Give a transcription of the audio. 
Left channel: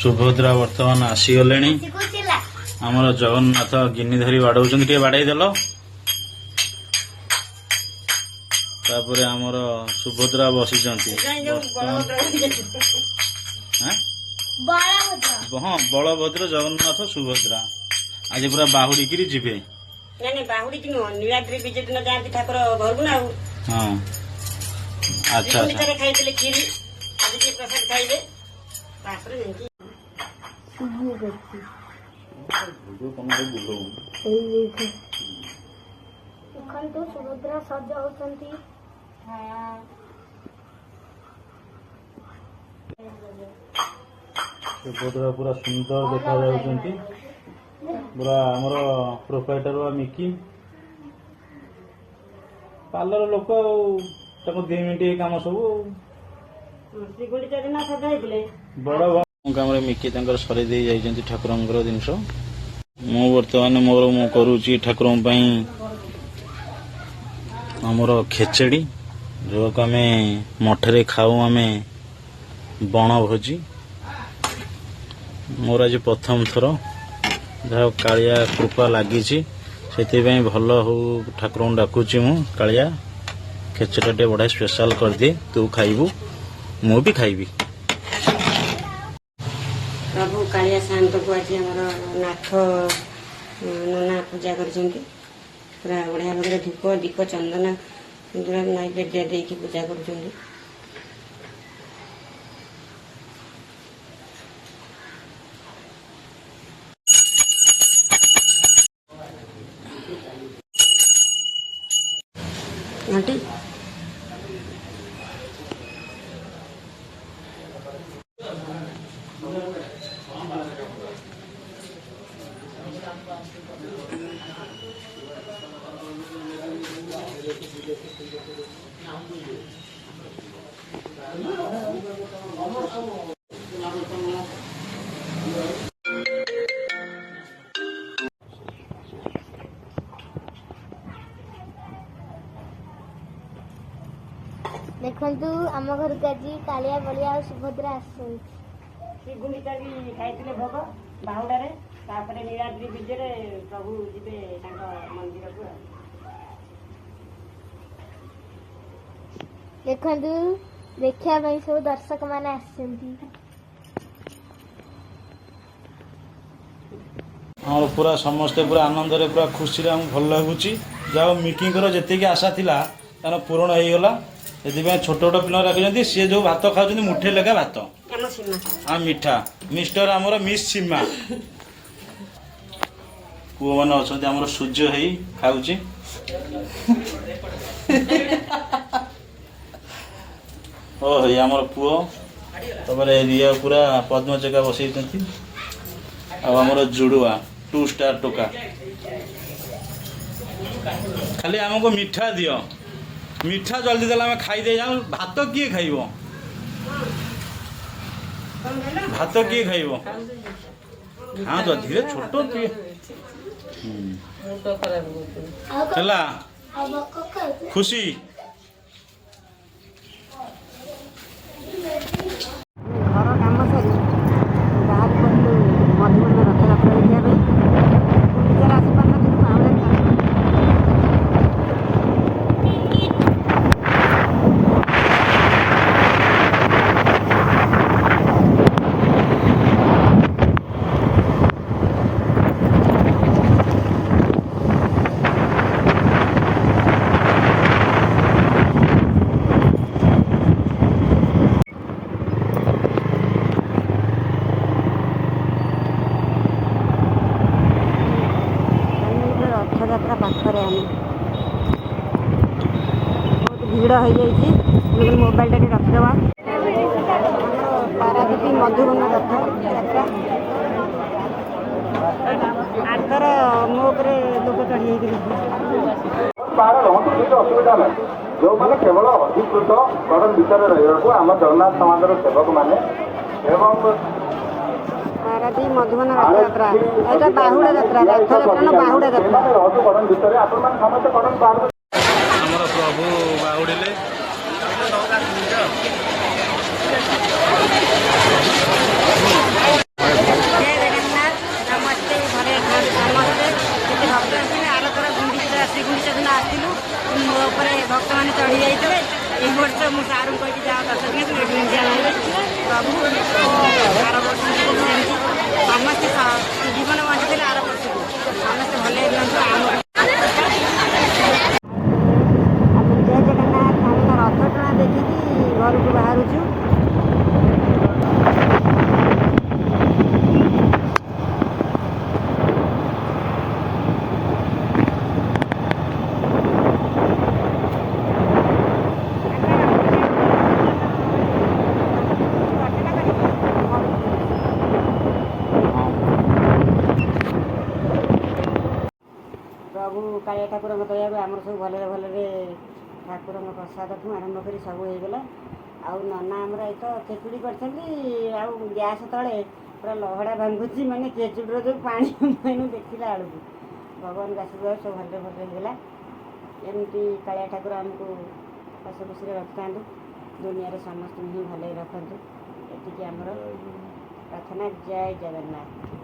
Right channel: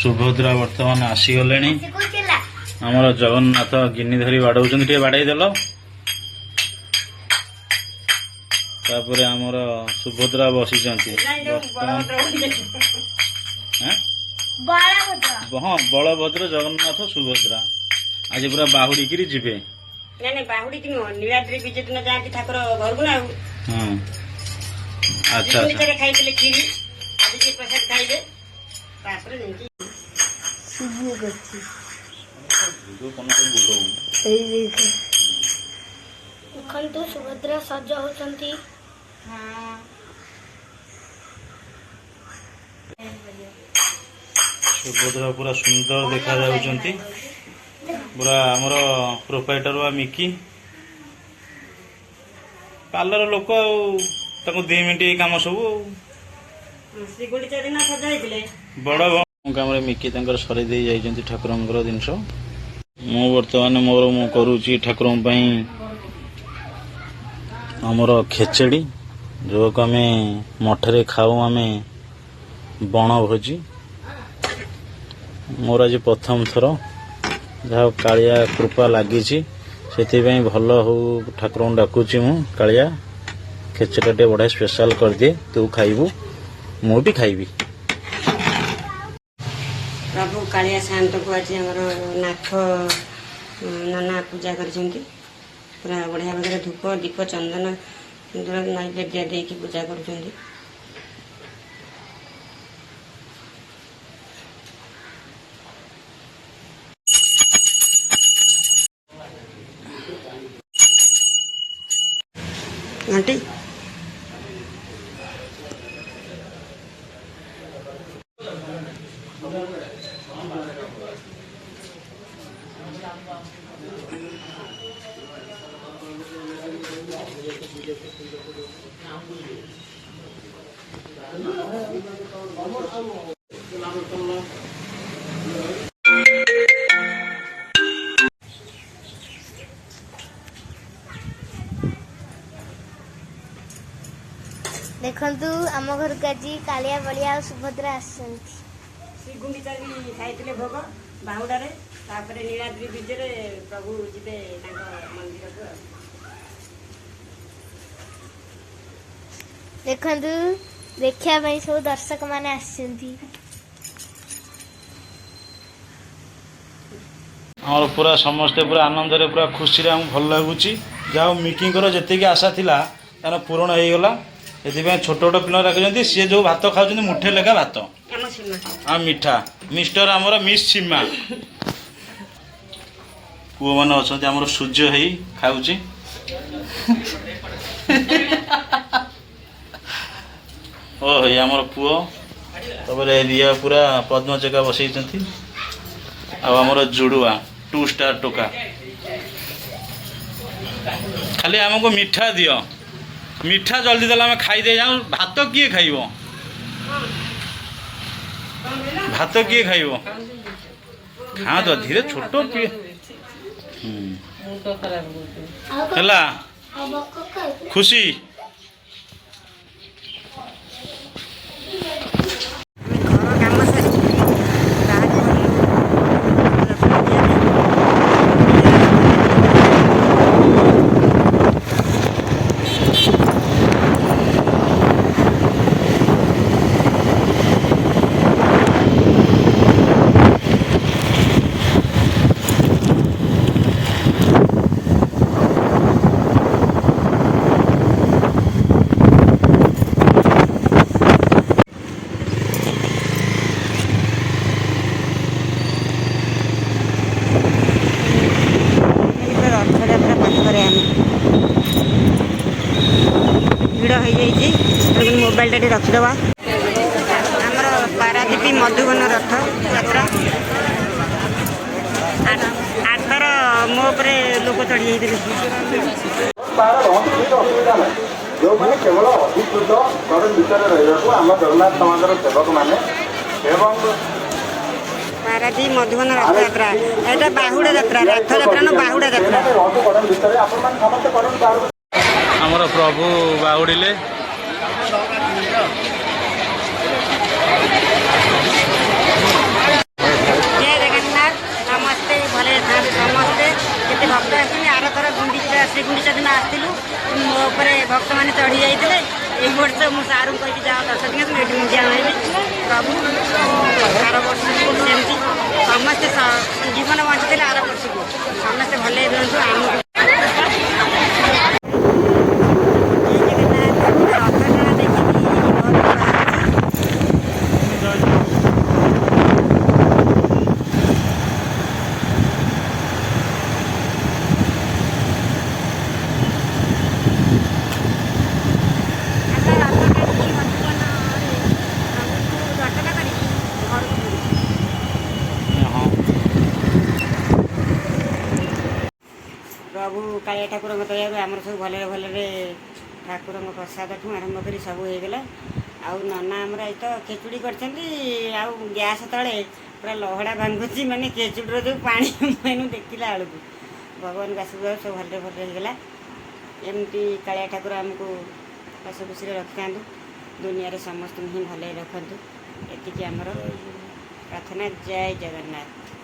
सुभद्रा वर्तमान आसीगले आमर जगन्नाथ गिनी धरी बाड़ौं बाड़े देल तापर आमर सुभद्रा बसी हाँ बलभद्र जगन्नाथ सुभद्रा आज पूरा बाहुड़ी जीवे हाँ अच्छा सुभद्रा सज होती सुभद्रा पूरा सुंदर देखा जाउछंती पूरा हमर प्रोप्राइटर वा मिकी पार्लर लोक ताको 2 मिनिट काम सब बड़ काम मिकी तांकर सरी दे जाइछंती ठाकुरंकर जिनस मु वर्तमान मोर मु करूची ठाकुरन पई हमर खेचड़ी जो आमे मठरे खाऊ आमे बण भोजी मोर आज प्रथम थर जहाँ कालिया कृपा लगी से भल हो ठाकुर डाकुची मु कालिया खेचड़ा टे बढ़िया स्पेशल कर दिए तू खाइबू मु भी खाइबी प्रभु कालिया शांत को आज नाथ नाना पूजा कर पूरा बढ़िया भाव धूप दीप चंदन नैवेद्य देकी पूजा कर आंटी देखु आम घर को आज कालिया बलिया और सुभद्रा गुंडीचा भी खाई भोग बाहुड़े नीलाद्री बीजे प्रभु जीवे मंदिर को देखु देखा सब दर्शक माने और पूरा समस्ते पूरा आनंद रे पूरा खुशी रे भल लगुच जाओ मिकिंकर जेतिकी आशा थिला तार पूरण हो गला से छोट छोट पिला रखी सी जो भात खाऊ मुठे लेखा भात हाँ मिठा मिस्टर आमर मिस सीमा पुओ मैंने अच्छा आमर सूर्य हो खाऊची ओ हे आमर पुओ तब रिया पूरा पद्मचका बसई आमर जुड़ुआ 2 स्टार टोका खाली आमको मिठा दियो मिठा जल्दी देला आम खाईदे जाऊँ भात किए खाइब भात किए खाइब खाँ तो धीरे छोट पी है खुशी भिड़ हो जाइए मोबाइल टा रखिदवा आमर पारादीपी मधुबन रथ यात्रा आठर मो लोक चढ़ी जो मैंने केवल अधिकृत घर भितर रहा आम जगन्नाथ समाजर सेवक मैंने पारादीप मधुबन रथ यात्रा यहाँ बाहुड़ा यात्रा रथ यात्रा न बाहुड़ा यात्रा प्रभु बाहुड़े ଭକ୍ତମାନେ ଚଢ଼ି ଯାଇଥିଲେ। ଏଇ ବର୍ଷ ମୁଁ ସାର୍ଙ୍କୁ କହିକି ଯାଅ 10 ଦିନ ଏଠି ମୁଣ୍ଡିଆ ମାରିଲି। ପ୍ରଭୁ ଆର ବର୍ଷକୁ ସେମିତି ସମସ୍ତେ ଜୀବନ ବଞ୍ଚିଥିଲେ ଆର ବର୍ଷକୁ ସମସ୍ତେ ଭଲରେ ରୁହନ୍ତୁ। ଆମକୁ ପ୍ରଭୁ କାଳିଆ ଠାକୁରଙ୍କ ଦୟାରୁ ଆମର ସବୁ ଭଲରେ ଭଲରେ ଠାକୁରଙ୍କ ପ୍ରସାଦଠୁ ଆରମ୍ଭ କରି ସବୁ ହେଇଗଲା। ଆଉ ନନା ଆମର ଏଇ ତ ଖେଚୁଡ଼ି କରିଛନ୍ତି। ଆଉ ଗ୍ୟାସ୍ ତଳେ ପୁରା ଲହଡ଼ା ଭାଙ୍ଗୁଛି, ମାନେ ଖେଚୁଡ଼ିର ଯେଉଁ ପାଣି ମୁଁ ଦେଖିଲା ବେଳକୁ ଭଗବାନଙ୍କ ଆଶୀର୍ବାଦ ସବୁ ଭଲରେ ଭଲରେ ହେଇଗଲା। ଏମିତି କାଳିଆ ଠାକୁର ଆମକୁ ହସ ଖୁସିରେ ରଖିଥାନ୍ତୁ, ଦୁନିଆରେ ସମସ୍ତଙ୍କୁ ହିଁ ଭଲରେ ରଖନ୍ତୁ। ଏତିକି ଆମର ପ୍ରାର୍ଥନା। ଜୟ ଜଗନ୍ନାଥ।